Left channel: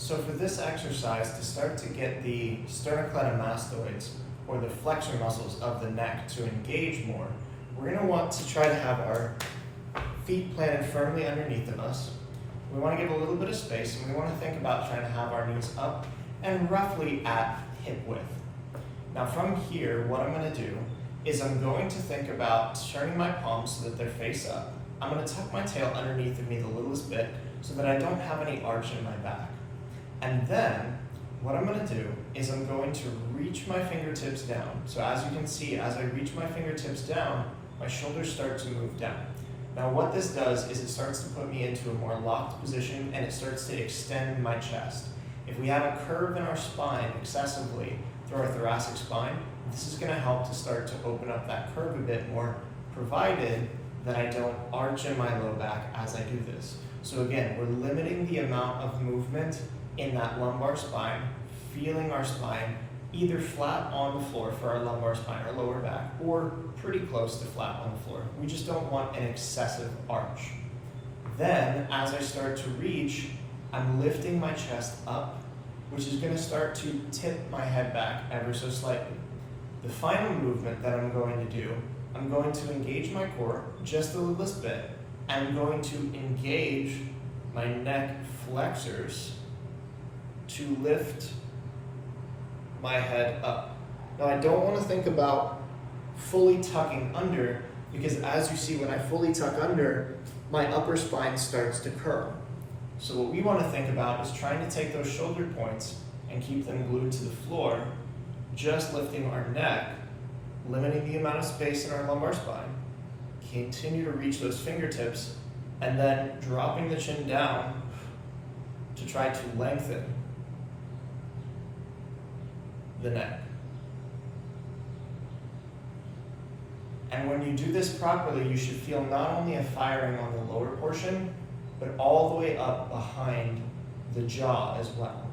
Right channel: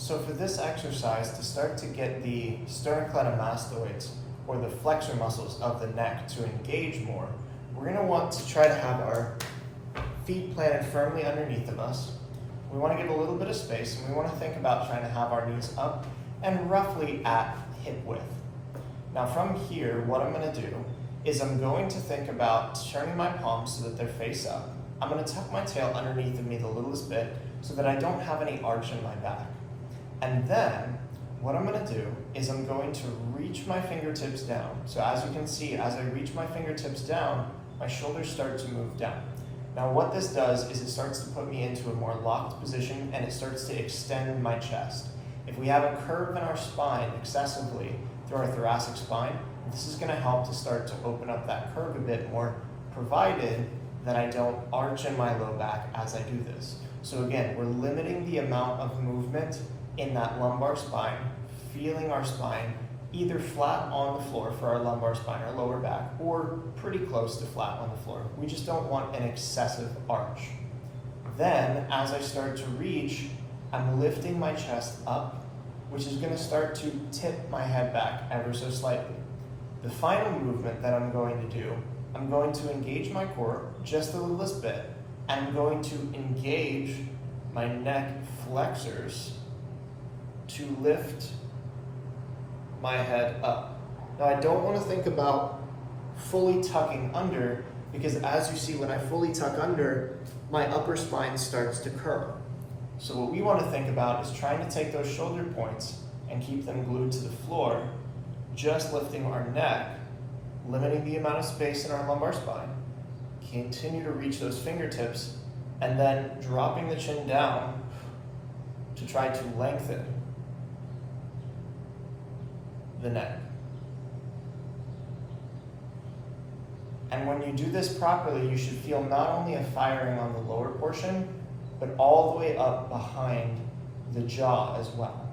So for this exercise, to start to get the sternocleidomastoids, or the flexor muscles of the neck, to engage more, we're going to want to try to have our feet planted firmly underneath of us. We want to give a little bit of space, and we want to think about trying to have our knees up and roughly at hip width. Now from here, what I'm going to do is I'm going to think about turning my palms so that they're face up. I'm going to tuck my tail underneath of me the littlest bit so that I don't have any arch in my back. And then what I'm going to do is I'm going to reach my fingertips down. So as you can see, as I reach my fingertips down, my shoulders start to move down. Now what this does is it starts to put me into a more locked position, and it starts to extend my chest. If we have a curve in our spine excessively through our thoracic spine, this is going to help to start to open up that curve a bit more, provided that I don't arch in my low back as I do this. So again, we're limiting the amount of movement in that lumbar spine, feeling our spine either flat on the floor for our lumbar spine, our lower back, or pretty close to flat on the floor. We just don't want an excessive arch. Then, as I start to reach, I'm lifting my chest up, which is going to start to tip my head back ever so slightly. The final movement that I'm going to do, I'm going to engage my core just the littlest bit. I'm going to engage my neck flexors to lift my head up. Now I don't want to think about fully tucking under, because as you see, when I fully tuck under, my upper spine starts to curl. So what we want to think about is trying to take those shoulder points and keep them glued to the floor, just lifting our neck, limiting the amount of space in our lumbar spine, continue to reach those fingertips, and then dropping the chin down to try to lengthen the neck. And when you do this properly, you should feel not only a firing on the lower portion, but all the way up behind the jaw as well.